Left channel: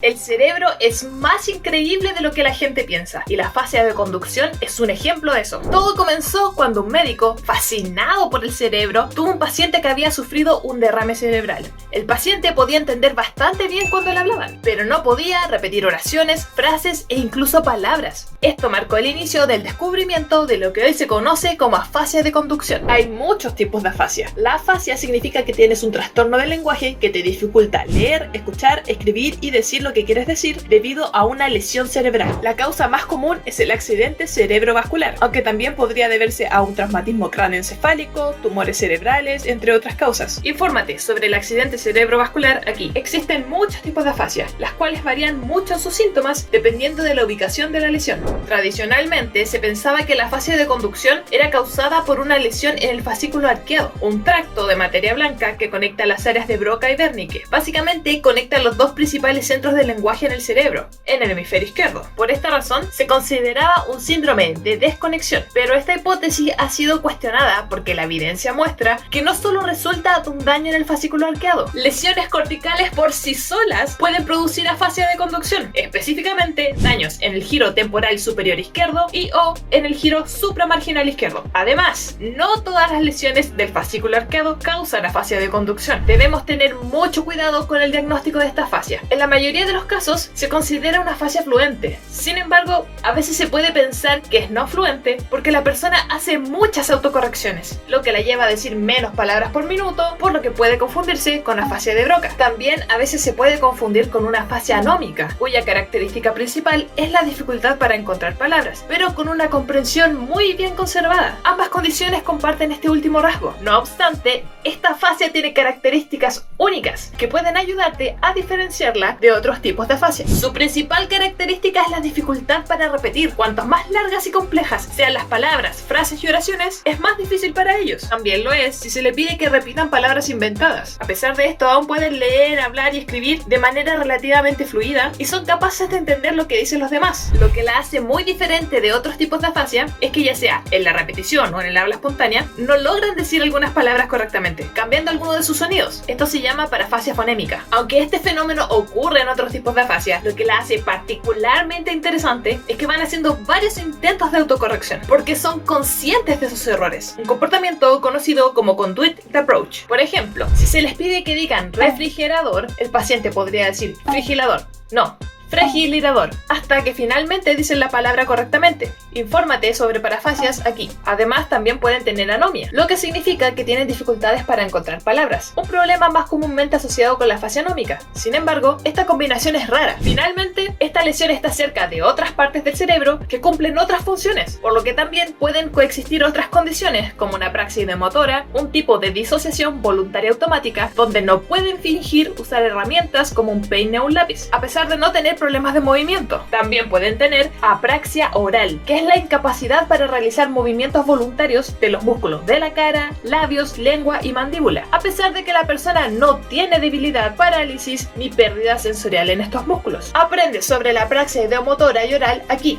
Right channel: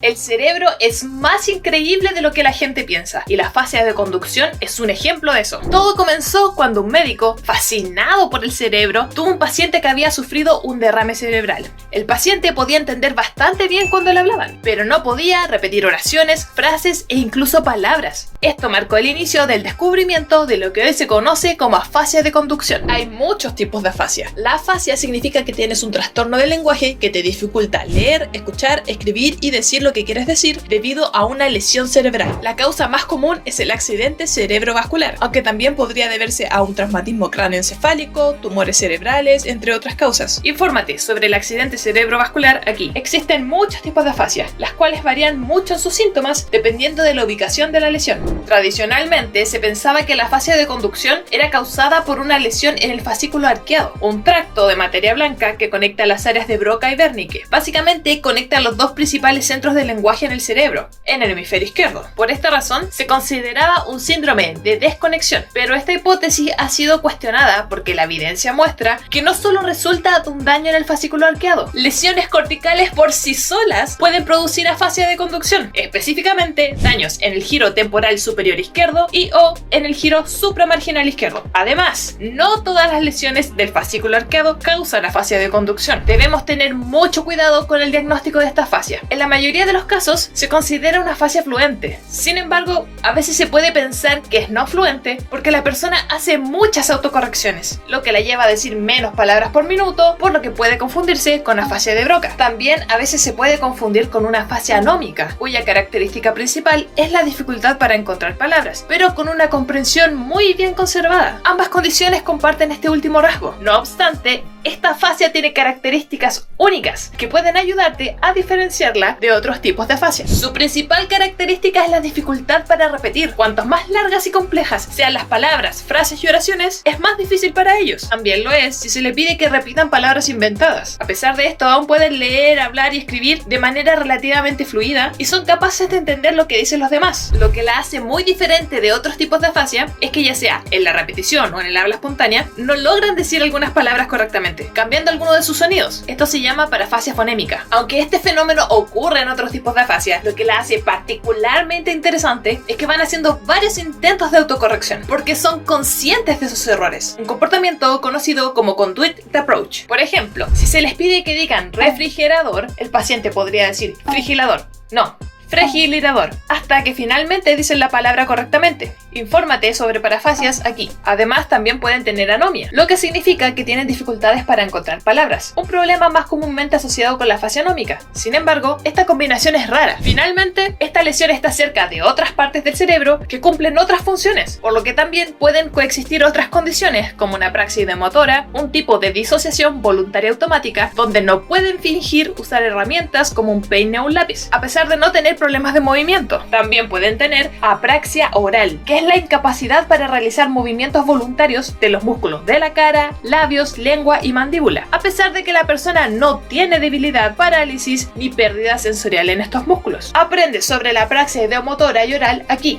El cerebro es más increíble de lo que la gente piensa y la fascia de conducción es un ejemplo de eso. Todo comenzó cuando un médico, fascinado por el cerebro, tuvo un paciente que había sufrido un derrame cerebral. El paciente podía entender bastante bien cuando le hablaban, pero no podía repetir oraciones, frases e incluso palabras. Esto marcó el inicio del descubrimiento de lo que hoy se conoce como afasia de conducción. Hay muchos tipos de afasia. La afasia significa que tienes un trastorno del lenguaje que te dificulta leer, escuchar, escribir y decir lo que quieres decir debido a una lesión cerebral. La causa más común es el accidente cerebrovascular, aunque también podría deberse a un traumatismo cráneoencefálico, tumores cerebrales, entre otras causas. Infórmate sobre el accidente cerebrovascular aquí. Existen muchos tipos de afasia, las cuales varían mucho en sus síntomas dependiendo de la ubicación de la lesión. Tradicionalmente se pensaba que la afasia de conducción era causada por una lesión en el fascículo arqueado, un tracto de materia blanca que conecta las áreas de Broca y Wernicke. Básicamente conecta los dos principales centros del lenguaje en el cerebro, en el hemisferio izquierdo. Por esta razón se consideraba un síndrome de desconexión, pero esta hipótesis ha sido cuestionada porque la evidencia muestra que no solo resulta de un daño en el fascículo arqueado, lesiones corticales por sí solas pueden producir afasia de conducción, específicamente daños en el giro temporal superior izquierdo y o en el giro supramarginal izquierdo. Además, no todas las lesiones del fascículo arqueado causan afasia de conducción. Debemos tener mucho cuidado con el diagnóstico de esta afasia. En la mayoría de los casos se considera una afasia fluente. Sin embargo, a veces se puede pensar que es no fluente porque la persona hace muchas autocorrecciones, lo que la lleva a decir menos palabras por minuto, por lo que puede confundirse con afasia de Broca. También a veces se puede confundir con una afasia anómica, cuya característica principal es la dificultad para encontrar palabras, pero con una comprensión muy bien conservada. Ambas condiciones comparten este último rasgo. No obstante, esta afasia tiene características únicas que pueden ayudarte a diferenciarla de otros tipos de afasia. Su principal característica es la dificultad para repetir. Cuanto más largas y complejas sean las palabras, frases y oraciones, es más difícil para ellos. También lo es si se le pide que repitan palabras inventadas. A pesar de esto, aún pueden leer, hablar y escribir de manera relativamente fluida y son capaces de entender lo que dicen los demás. Lo que la hace muy diferente de otros tipos de afasia es que ya sea en la repetición o en el habla espontánea, no logran decir algunas palabras correctamente, cambiando alguno de sus sonidos. Esto se llama parafasia fonémica. Aunque este fenómeno ocurre en otros tipos de afasia, lo que la hace particularmente interesante es que van haciendo varios intentos de autocorrección, porque son conscientes de sus errores. Un comportamiento conocido como conduit approach. Por ejemplo, si se les pide que digan refrigerador, el paciente podría decir frigilador. No, frigilidador, hasta que finalmente dicen la palabra correctamente. Infórmate sobre parafasias aquí. Además, también pueden tener anomia, lo que significa que tienen dificultades para encontrar palabras, un problema más comúnmente asociado con la afasia anómica. Sin embargo, esta combinación es rara. Finalmente, esta lesión está cerca de otras partes del cerebro que cumplen otras funciones, por lo que también pueden coexistir otras condiciones, como una praxis de motora, un tipo de disociación voluntaria automática, donde no pueden fingir usar herramientas como un peine o un lápiz, a pesar de no tener problemas de movimiento. También pueden tener apraxia oral, que es la incapacidad para realizar movimientos voluntarios de los músculos de la cara, labios, lengua y mandíbula, a pesar de que la persona no tiene debilidad, parálisis ni pérdida sensorial en estos músculos. Aprende sobre la apraxia ideomotora y oral aquí.